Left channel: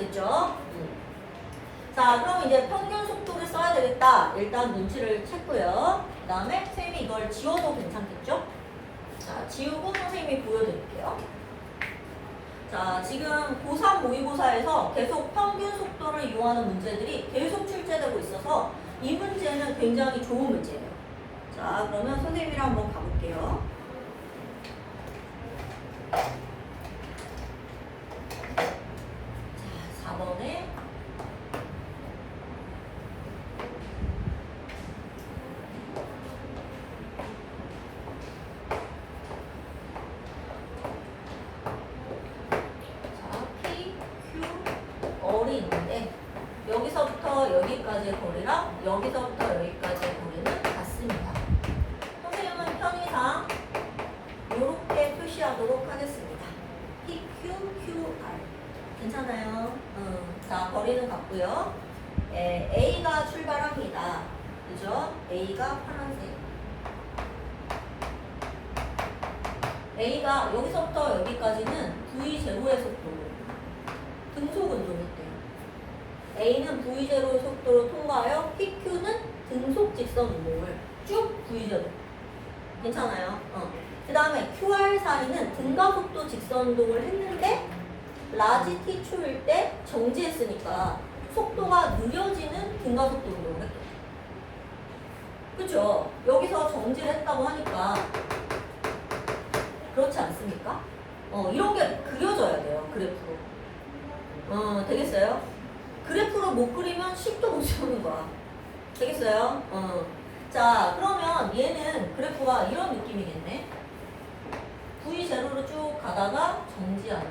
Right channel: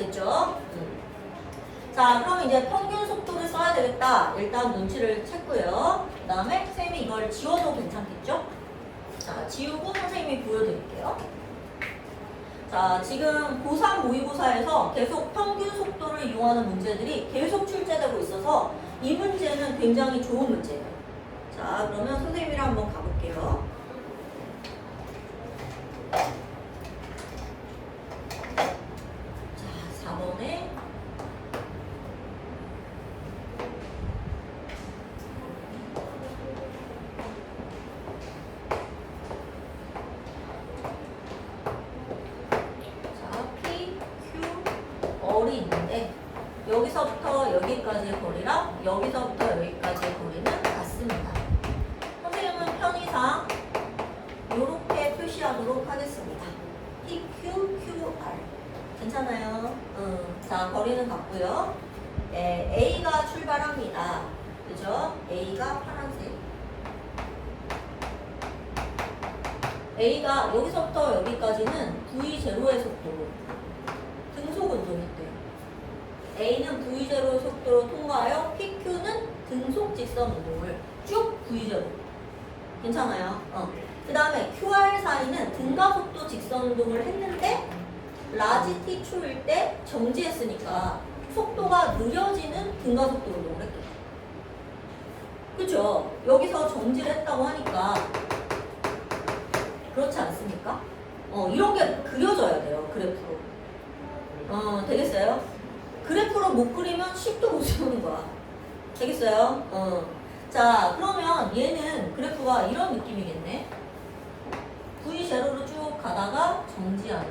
됐죠? 음. 자, 그럼 이제 평균 속도를 써야 되겠다. 일단 눈치를 챘고요. 그 다음에 선생님이 이걸 지워도 괜찮겠죠? 자, 지우고 선생님이 보여드릴게요. 자, 지금 고3 모의고사에서 계속 평균 속도를 이용하는 문제들이 계속 출제되고 있어서 이 문제는 굉장히 좋은 문제예요. 자, 그러면 선생님이랑 한번 가볼게요. 자, 4번에 자, P, Q, R이 있는데 여기까지의 거리랑 여기서부터 여기까지의 거리는 같습니다. 선생님은 편의상 이렇게 표시하도록 하겠습니다. P, Q, Q, R. 괜찮아요? 음, 자, 거리는 같고요. 예, A가 출발합니다. 그죠? A가 파란색. A가 여기서부터 여기까지는 V0의 속도로 등속 운동했대요. A는 V0의 속도로 통과하여 PQ는 등속 직선 운동을 쭉 V0. 괜찮아요? 어. 그 다음에 QR 사이는 등가 속도 직선 운동을 했는데 라지 t 초일 때 정지했으니까 속도가 느려지는 등가 속도 운동을 했대요. 그죠? 여기서 정지를 했다고 하니까 그렇지 않습니까? 어, 이런 게 그려져야 돼요, 그래프로. 어, 되겠어요? 그래프로 못 그리면 10도 못 세우는 거야. 되겠어요? 어. 자, 그러면 얘는 그래프가 이런 느낌이겠네. V0로 쭉 가다가 정지하는.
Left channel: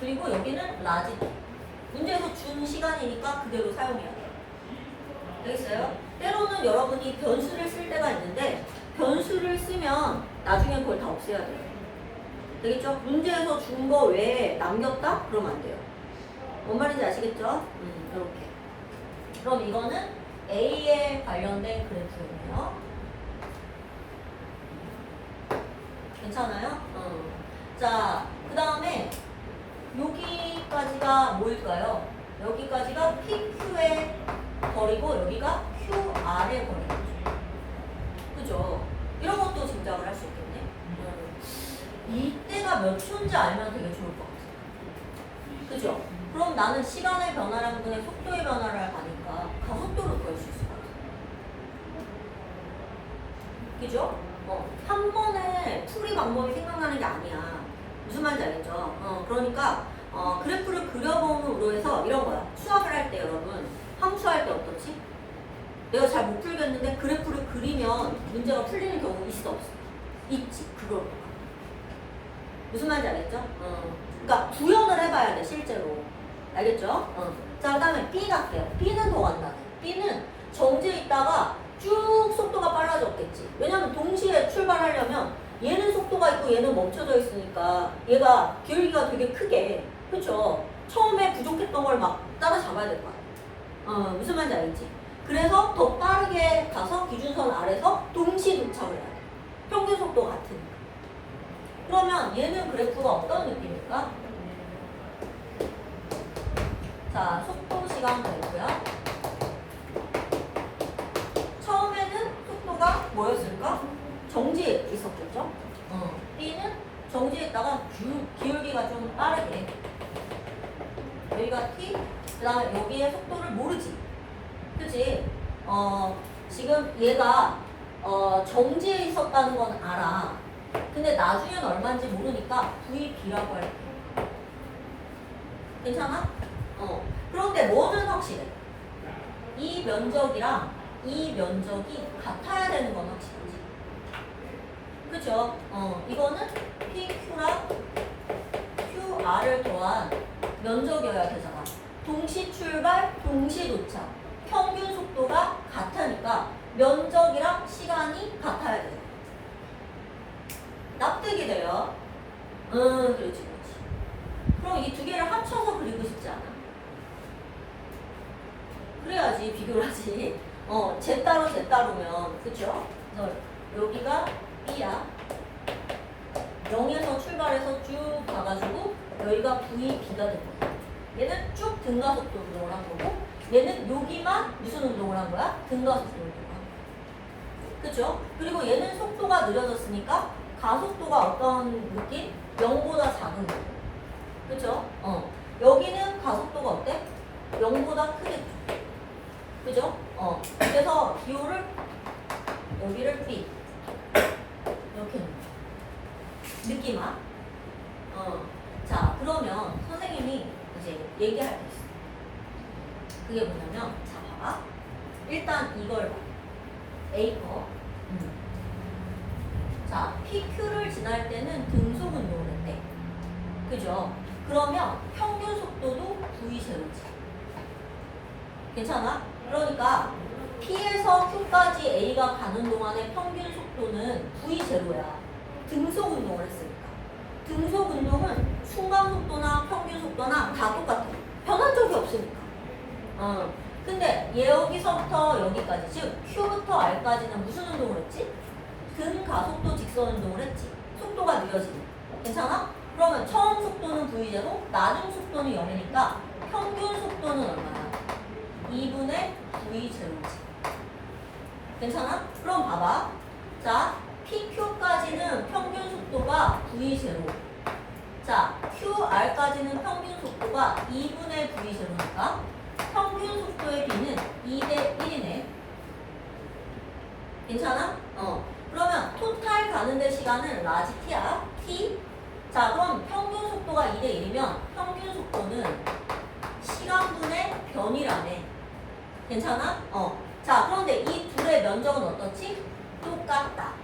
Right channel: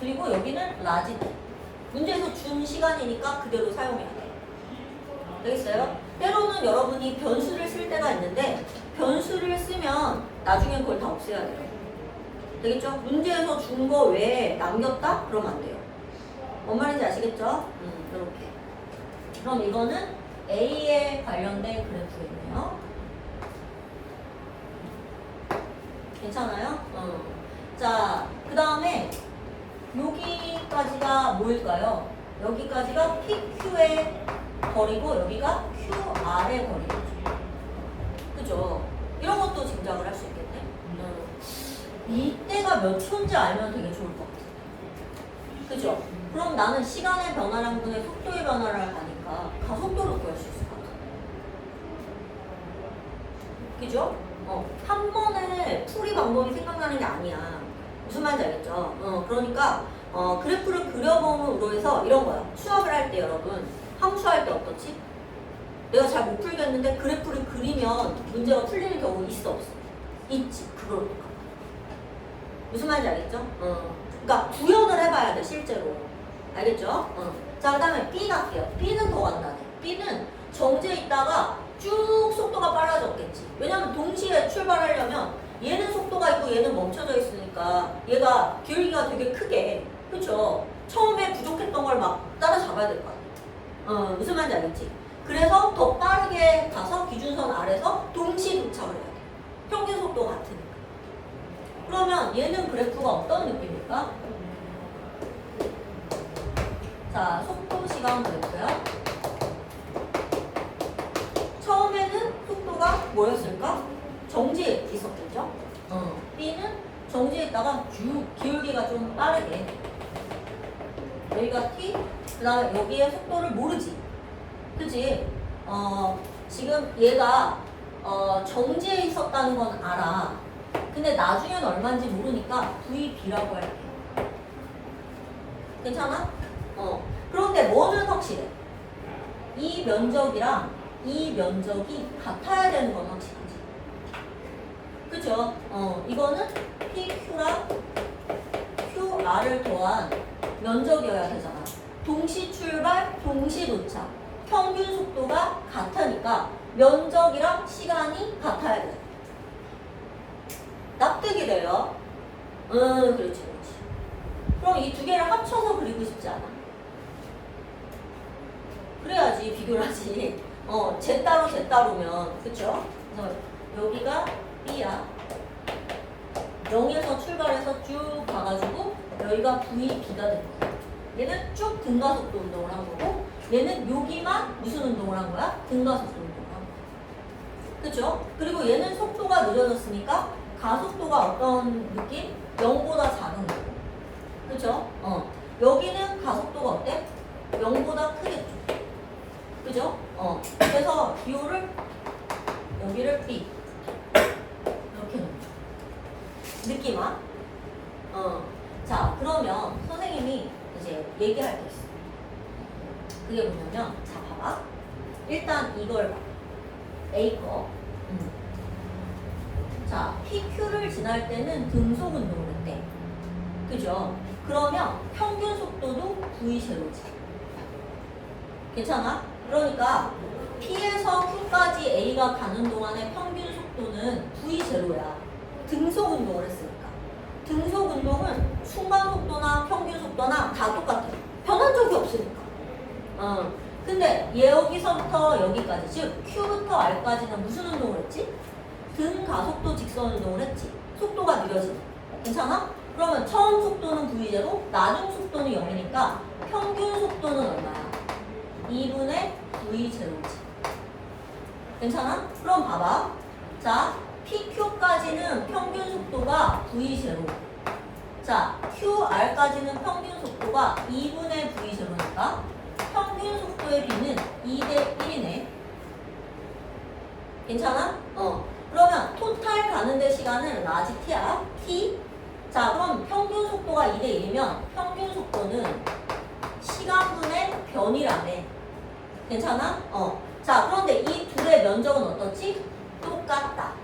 그리고 여기는 라지. 문제에서 준 시간이니까 그대로 사용해야 돼요. 되겠어요? 때로는 여러분이 변수를 쓸 때가 있는데 변수를 쓰면 나중에 그걸 다 없애야 돼요. 되겠죠? 문제에서 준 거 외에 남겼다? 그러면 안 돼요. 뭔 말인지 아시겠죠? 음, 이렇게. 그럼 이거는 A에 관련된 그래프겠네요. 괜찮아요? 어. 자, 그 다음에 여기까지가 뭐일까요? 여기까지가 PQ의 거리고 여기가 QR의 거리죠. 그죠? 이런 것도 짐작을 할 수 있겠네. 음. 이때가 몇 초인지 알면 되게 좋을 것 같아요. 그죠? 그럼 나는 시간의 변화량 분의 속도의 변화를 가니까 가속도를 구할 수 있을 것 같아요. 그죠? 어, 한 번에 풀이 방법이 생각나는 게 아니야. 무슨 말인지 알겠죠? 어, 그러니까 어, 그래프를 그려봄으로 해서 이런 거야. 수학을 할 때 여러분 함수할 때 어떻지? 내가 잘 못 풀겠는데 그래프를 그리면 문제가 풀리는 경우 있어 없어? 있지. 그걸? 무슨 말인지 알겠죠? 어. 그러니까 구현을 해봐야 돼 실제로. 알겠죠? 어. 자 그다음에 B 갈게요. B는 더 간다. B는 정지에 있다가 쭉 속도가 빨라졌겠지. 왜냐면 동시에 출발하려면 얘는 속도가 있고 얘는 멈춰져 있으니까 얘가 기울기가 되게 크게 그쵸? 처음에 부족했던 걸 막 따라잡아야 될거 아니야. 어, 무슨 말인지 알겠지? 그래서 더 빠르게 가서 기준선 아래서 동시 도착을 해야 돼. 평균 속도 같으니까. 그러면 얘는 그래프가 어떤 느낌일까? 자, 속도 시간 그래프야. 처음에는 속도가 뭐였을까? 정지에 있었겠죠? 어. B는 정지에 있다가 쭉 기울기가 좀 빠르게 여기가 T, 그 다음에 여기에 속도를 모르지. 그치? 어, 지금 얘가 어, 정지에 있었다는 건 알아. 근데 나중엔 얼마인지 모르니까 VB라고 할게. 괜찮아? 어. 그런데 뭐는 확실해? 이 면적이랑 이 면적이 같아야 되는 건 확실하지. 그쵸? 어, 이거는 PQ랑 QR을 더한 면적이어야 되잖아. 동시 출발, 동시 도착. 평균 속도가 같으니까 면적이랑 시간이 같아야 되잖아. 납득이 돼요. 응, 그렇지, 그렇지. 그럼 이 두 개를 합쳐서 그리고 싶지 않아? 그래야지 비교를 하지. 어, 제 따로 제 따로면, 그쵸? 여기가 B야. 0에서 출발해서 쭉 가가지고 여기가 V, B가 된 거야. 얘는 쭉 등가속도 운동을 한 거고 얘는 여기만 무슨 운동을 한 거야? 등가속도 운동을. 그죠? 그리고 얘는 속도가 늦어졌으니까 가속도가 어떤 느낌? 0보다 작은 거고. 그죠? 어. 여기는 가속도가 어때? 0보다 크겠죠. 그죠? 어. 그래서 기호를 여기를 B 이렇게 놓는 거야. 느낌 와? 어. 자, 그러면 선생님이 이제 얘기할 게 있어. 그게 뭐냐면, 자, 봐봐. 일단 이걸 봐. A 거. 음. 자, PQ를 지날 때는 등속 운동을 했대. 그죠? 그러면 평균 속도도 V0지. 괜찮아? 그러니까 P에서 Q까지 A가 가는 동안의 평균 속도는 V0야. 등속 운동을 했으니까. 등속 운동은 순간 속도나 평균 속도나 다 똑같아. 변한 적이 없으니까. 어. 근데 여기서부터 여기까지, 즉 Q부터 R까지는 무슨 운동을 했지? 등 가속도 직선 운동을 했지. 속도가 느려지니. 괜찮아? 그러면 처음 속도는 V제로, 나중 속도는 0이니까 평균 속도는 얼마야? 2분의 V0지. 괜찮아? 그럼 봐봐. 자, PQ까지는 평균 속도가 V0. 자, QR까지는 평균 속도가 2분의 V0니까 평 균 속도의 B는 2대 1이네. 괜찮아? 어. 그러면 토탈 가는데 시간은 라지 T야. T. 자, 그럼 평균 속도가 2대 1이면 평균 속도는 시간분의 변이라네. 괜찮아? 어. 자, 그런데 이 둘의 면적은 어떻지? 똑같다.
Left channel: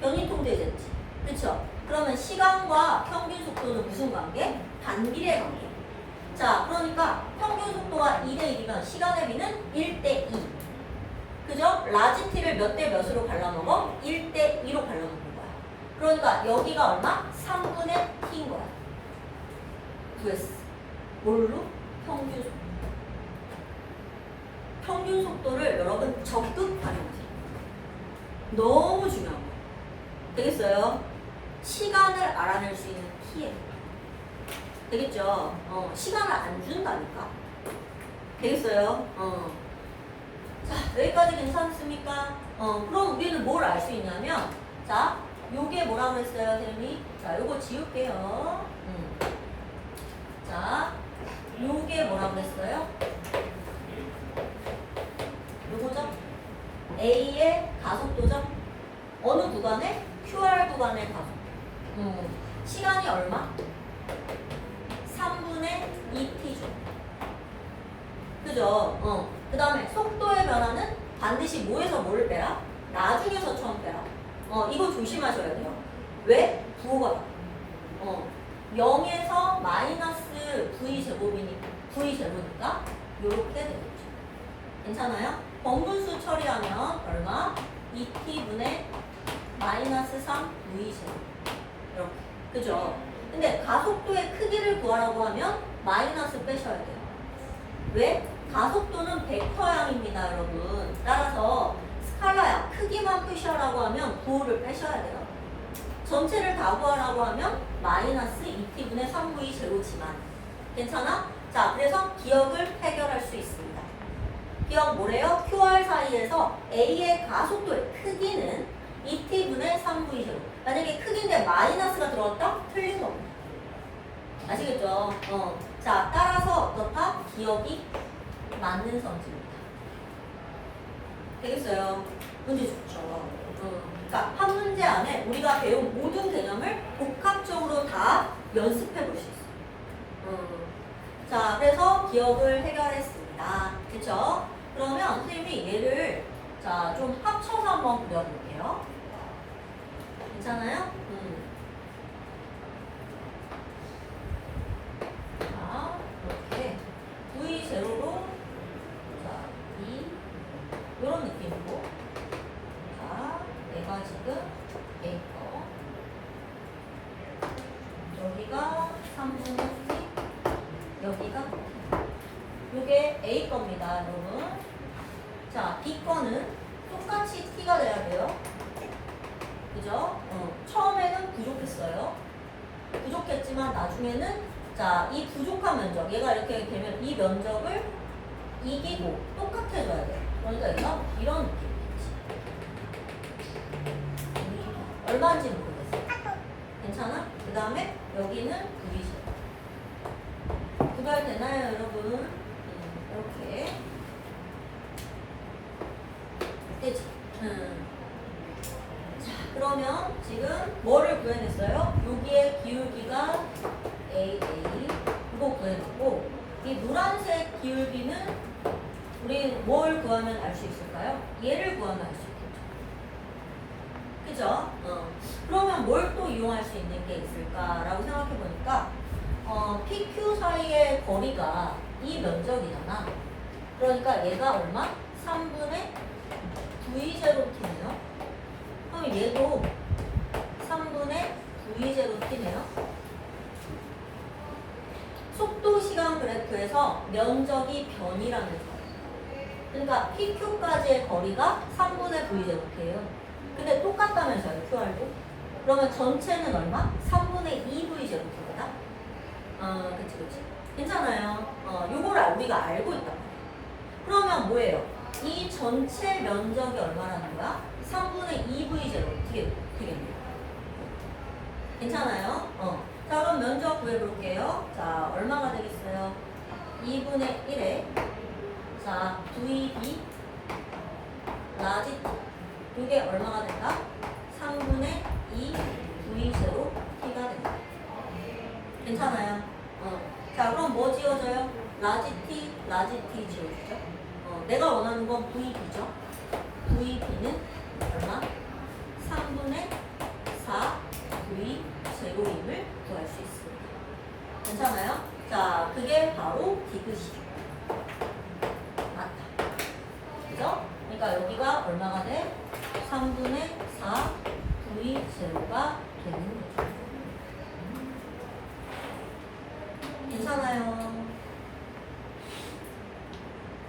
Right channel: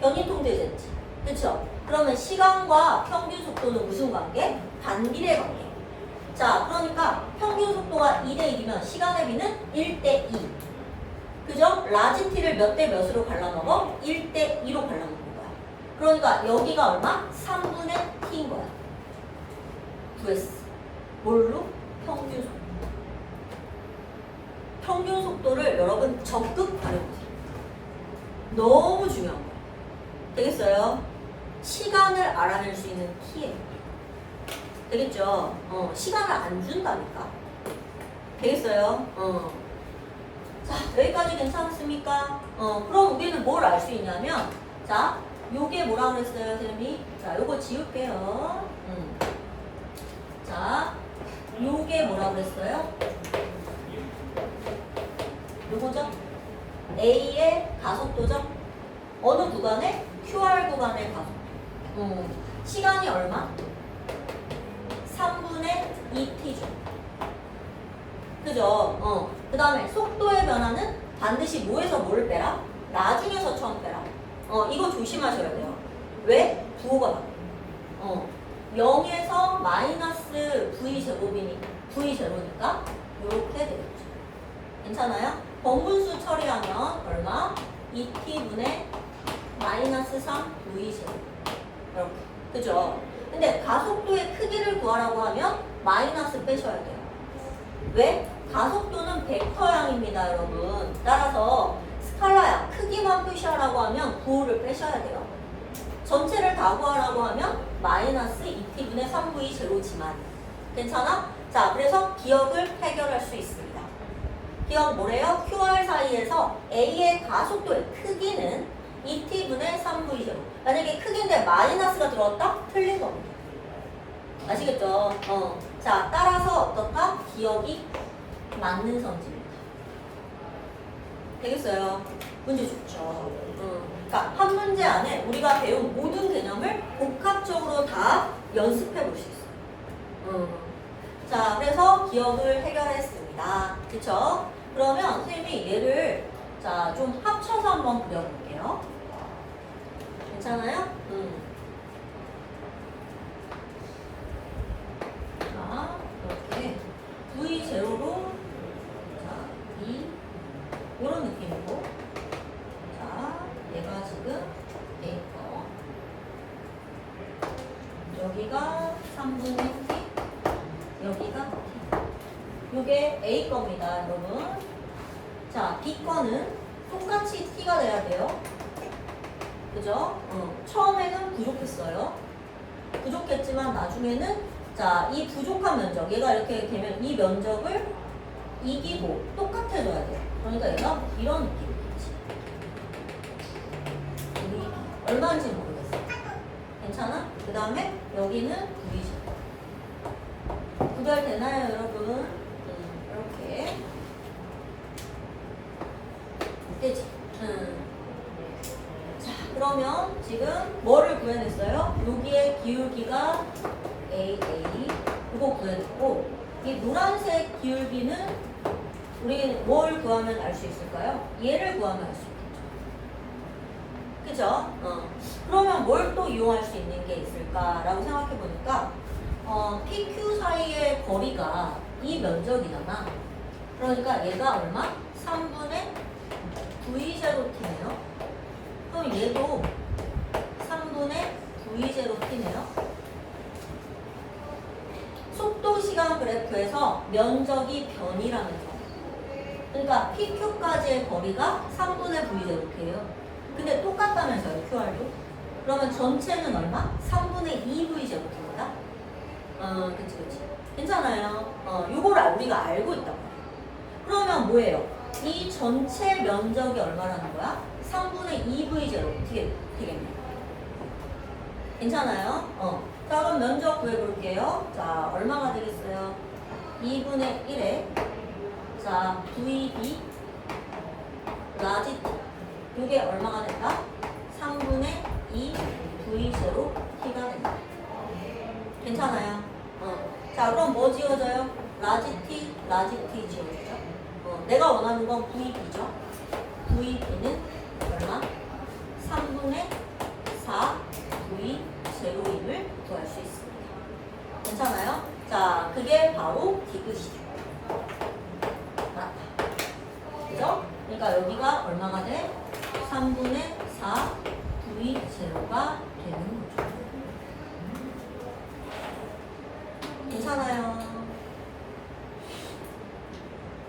변이 통제됐지. 그쵸? 그러면 시간과 평균 속도는 무슨 관계? 반비례 관계. 자, 그러니까 평균 속도가 2대 1이면 시간의 비는 1대 2. 그죠? 라지 t를 몇 대 몇으로 갈라먹어? 1대 2로 갈라먹는 거야. 그러니까 여기가 얼마? 3분의 t인 거야. vs. 뭘로? 평균 속도. 평균 속도를 여러분 적극 활용하세요. 너무 중요한 거야. 되겠어요? 시간을 알아낼 수 있는 키예요. 되겠죠? 어, 시간을 안 준다니까. 되겠어요? 어. 자, 여기까지 괜찮습니까? 어, 그럼 우리는 뭘 알 수 있냐면, 자, 요게 뭐라 그랬어요, 선생님이? 자, 요거 지울게요. 음. 자, 요게 뭐라 그랬어요? 요거죠? A의 가속도죠? 어느 구간에? QR 구간의 가속도. 음, 시간이 얼마? 3분의 2t죠. 그죠? 어. 그 다음에 속도의 변화는 반드시 뭐에서 뭐를 빼라? 나중에서 처음 빼라. 어, 이거 조심하셔야 돼요. 왜? 부호가 나. 어. 0에서 마이너스 v 제곱이니 v 제로니까 이렇게 되겠죠. 괜찮아요? 번분수 처리하면 얼마? 2t분의 마이너스 3 v 제곱. 이렇게. 그죠? 근데 가속도의 크기를 구하라고 하면 마이너스 빼셔야 돼요. 왜? 가속도는 벡터양입니다, 여러분. 따라서 스칼라야 크기만 푸시하라고 하면 부호를 빼셔야 돼요. 전체를 다 구하라고 하면 마이너스 2t분의 3v 제로지만 괜찮아? 자, 그래서 기억을 해결할 수 있습니다. 기억 뭐래요? QR 사이에서 A의 가속도의 크기는 2t분의 3v 제로. 만약에 크기인데 마이너스가 들어왔다? 틀린 겁니다. 아시겠죠? 어. 자, 따라서 어떻다? 기억이 맞는 성질입니다. 되겠어요? 문제 좋죠. 어. 그러니까 한 문제 안에 우리가 배운 모든 개념을 복합적으로 다 연습해 볼 수 있어요. 음. 자, 그래서 기억을 해결했습니다. 그쵸? 그러면 선생님이 얘를 자, 좀 합쳐서 한번 그려볼게요. 괜찮아요? 음. 자, 이렇게 V 제로로 자, 이 이런 느낌이고 자, 얘가 지금 A 거 여기가 3분의 T 여기가 T 요게 A 겁니다, 여러분. 자, B 거는 똑같이 t가 돼야 돼요. 그죠? 부족했어요. 부족했지만 나중에는 자, 이 부족한 면적, 얘가 이렇게 되면 이 면적을 이기고 똑같아져야 돼. 그러니까 얘가 이런 느낌이겠지. 우리 얼마인지 모르겠어. 괜찮아? 그 다음에 여기는 9이죠. 구별 되나요, 여러분? 음, 이렇게. 되지? 음. 자, 그러면 지금 뭐를 구해냈어요? 여기에 기울기가 AA 이거 구해냈고 이 노란색 기울기는 우리 뭘 구하면 알 수 있을까요? 얘를 구하면 알 수 있겠죠. 그죠? 어. 그러면 뭘 또 이용할 수 있는 게 있을까라고 생각해 보니까 어, PQ 사이의 거리가 이 면적이잖아. 그러니까 얘가 얼마? 3분의 V 제로티네요. 그럼 얘도 3분의 V 제로티네요. 속도 시간 그래프에서 면적이 변이라는 거. 그러니까 PQ까지의 거리가 3분의 V 제로티예요. 근데 똑같다면서요, QR도? 그러면 전체는 얼마? 3분의 2V 제로티입니다. 어, 그치, 그치. 괜찮아요. 어, 요거를 우리가 알고 있단 말이에요. 그러면 뭐예요? 이 전체 면적이 얼마라는 거야? 3분의 2V 제로티 되겠네요. 괜찮아요? 어. 자, 그럼 면적 구해볼게요. 자, 얼마가 되겠어요? 2분의 1에 자, VB 라지 이게 얼마가 된다? 3분의 2 V 제로 T가 된다. 괜찮아요? 어. 자, 그럼 뭐 지워져요? 라지 T, 라지 T 지워지죠? 어, 내가 원하는 건 VB죠? VB는 얼마? 3분의 4 V 제로임을 구할 수 있습니다. 괜찮아요? 자, 그게 바로 디귿이죠. 맞다. 그죠? 그러니까 여기가 얼마가 돼? 3분의 4 V 제로가 되는 거죠. 괜찮아요.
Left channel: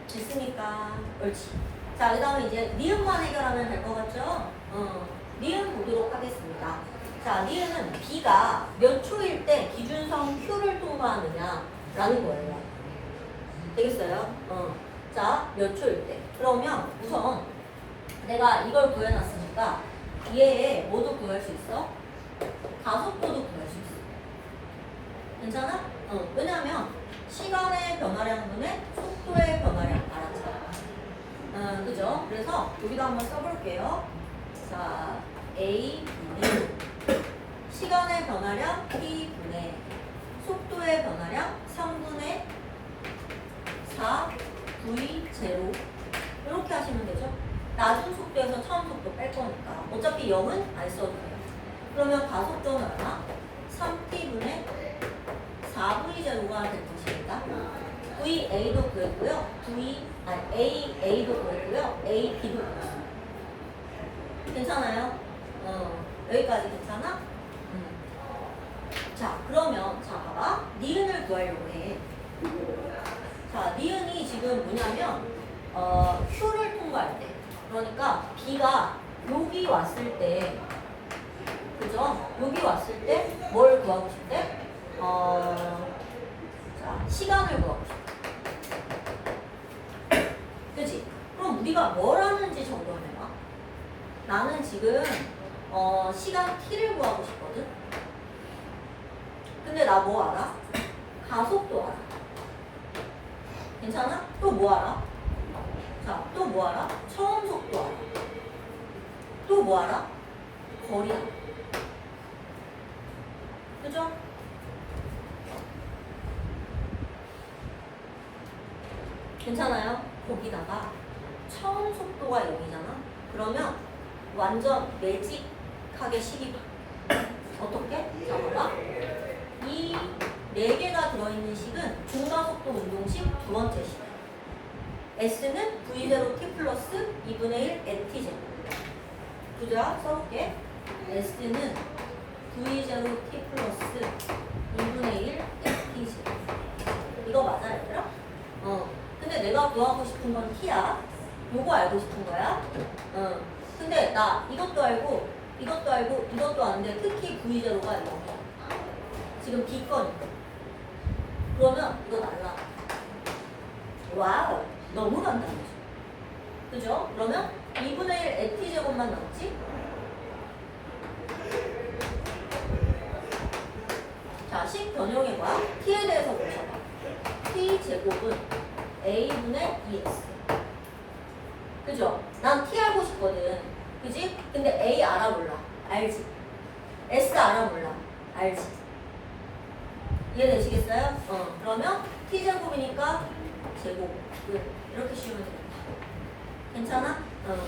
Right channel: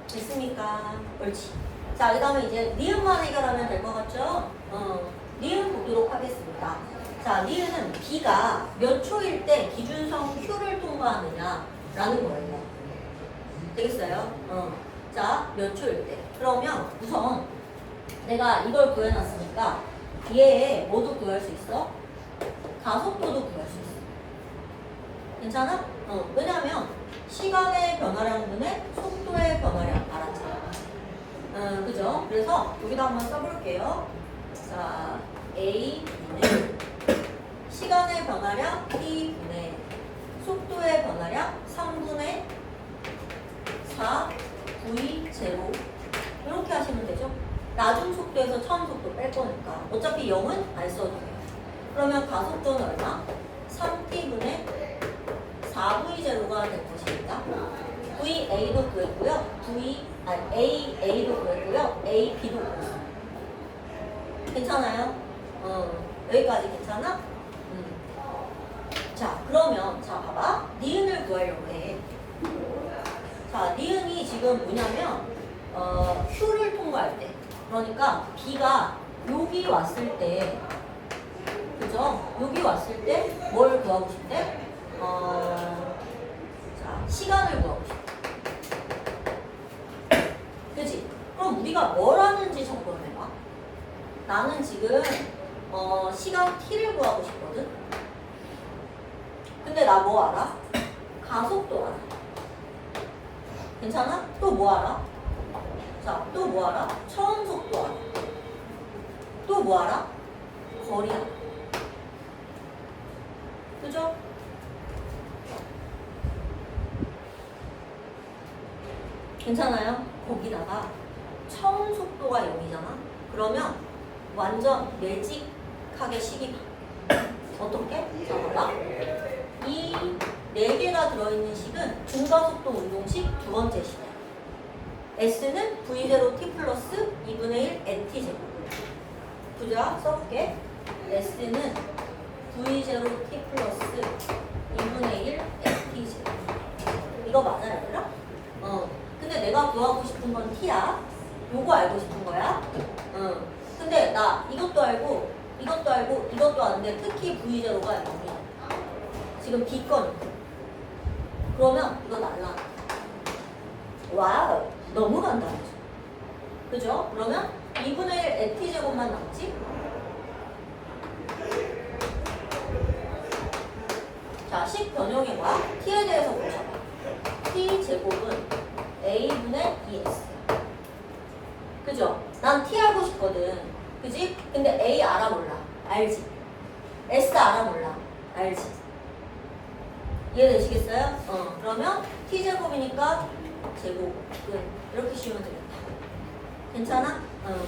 됐습니까? 옳지. 자, 그 다음에 이제 니은만 해결하면 될 것 같죠? 어, 니은 보도록 하겠습니다. 자, 니은은 B가 몇 초일 때 기준성 Q를 통과하느냐라는 거예요. 되겠어요? 어. 자, 몇 초일 때. 그러면 우선 내가 이걸 구해놨으니까 얘 뭐도 구할 수 있어? 가속도도 구할 수 있어. 괜찮아? 어, 왜냐면 시간의 변화량분의 속도의 변화량 알았잖아. 어, 그죠? 그래서 여기다 한번 써볼게요. 자, A, B는 시간의 변화량 T분의 속도의 변화량 3분의 4 V 제로 이렇게 하시면 되죠. 낮은 속도에서 처음 속도 뺄 거니까 어차피 0은 안 써도 돼요. 그러면 가속도는 얼마? 3t분의 4v 제로가 될 것입니다. VA도 구했고요. V 아니 AA도 구했고요. AB도 구했어요. 괜찮아요? 어 여기까지 괜찮아? 음. 자 그러면 자 봐봐 니은을 구하려고 해. 자, 니은이 지금 뭐냐면 어, Q를 통과할 때 그러니까 B가 여기 왔을 때 그죠? 여기 왔을 때 뭘 구하고 싶대? 어, 자, 시간을 구하고 싶대. 그지? 그럼 우리가 뭘 하는지 점검해봐. 나는 지금 어, 시간 t를 구하고 싶거든. 근데 나 뭐 알아? 가속도 알아. 괜찮아? 또 뭐 알아? 자, 또 뭐 알아? 처음 속도 알아. 또 뭐 알아? 거리 알아. 그죠? 괜찮아요? 거기다가 처음 속도가 0이잖아? 그러면 완전 멸직 하게 식이 돼. 어떻게? 자, 봐봐. 이네 개가 들어있는 식은 중가속도 운동식 두 번째 식. S는 V0 T 플러스 2분의 1 NT 제곱. 부자 써볼게. S는 V0 T 플러스 2분의 1 NT 제곱. 이거 맞아요, 얘들아? 어. 근데 내가 구하고 싶은 건 T야. 요거 알고 싶은 거야? 응. 근데 나 이것도 알고 이것도 알고 이것도 아는데 특히 V0가 이거야. 지금 B건 그러면 이거 날라. 와우 너무 간단하죠. 그죠? 그러면 2분의 1 FT 제곱만 남지? 자, 식 변형해봐. t에 대해서 보셔봐. t 제곱은 a분의 2x. 그죠? 난 t 알고 싶거든. 그지? 근데 a 알아 몰라. 알지? s 알아 몰라. 알지? 이해되시겠어요? 어. 그러면 t 제곱이니까 제곱. 끝. 이렇게 씌우면 되겠다. 괜찮아? 응.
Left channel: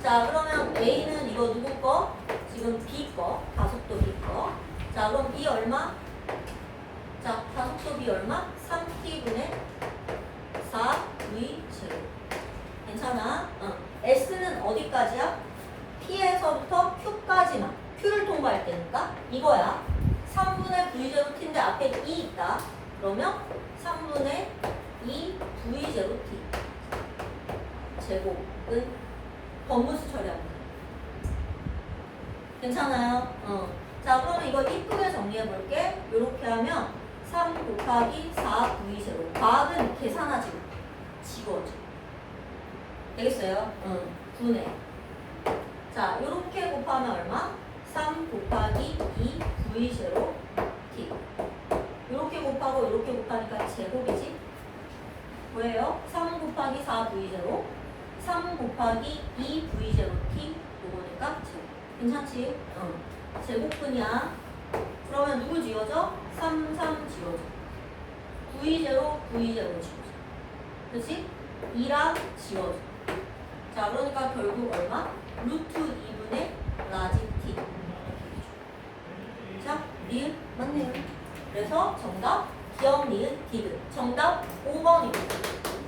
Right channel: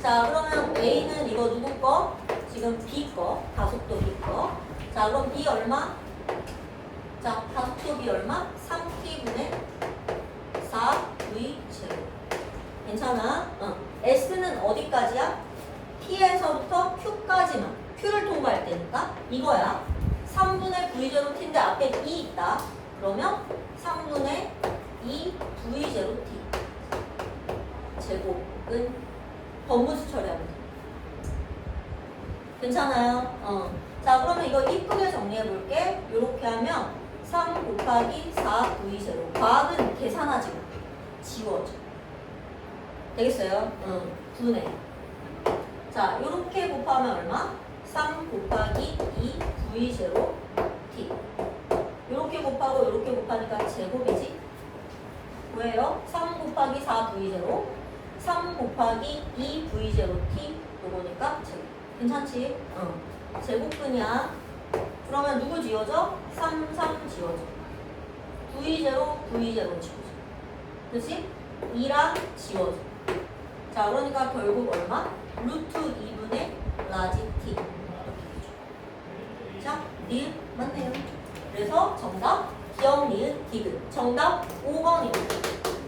자, 그러면 A는 이거 누구 거? 지금 B 거. 가속도 B 거. 자, 그럼 B 얼마? 자, 가속도 B 얼마? 3T분의 4V 제곱. 괜찮아? 응. S는 어디까지야? P에서부터 Q까지만. Q를 통과할 때니까 이거야. 3분의 V 제곱 T인데 앞에 2 있다. 그러면 3분의 2 V 제곱 T. 제곱은 번무지 처리하면 돼. 괜찮아요? 어. 자, 그러면 이거 이쁘게 정리해 볼게. 이렇게 하면 3 곱하기 4 v 제로. 과학은 계산하지 마. 지워져. 되겠어요? 응. 분해. 자, 이렇게 곱하면 얼마? 3 곱하기 2 v 제로 t. 이렇게 곱하고 이렇게 곱하니까 제곱이지? 왜요? 3 곱하기 4 v 제로 3 곱하기 2 v 제로 t 요거니까 제곱 괜찮지? 응 제곱분이야 그러면 누구 지워져? 3, 3 지워져 v 제로 v 제로 지워져 그치? 2랑 지워져 자 그러니까 결국 얼마? 루트 2분의 라지 t 자, 리을 맞네요. 그래서 정답 기억, 니은, 디귿. 정답 5번입니다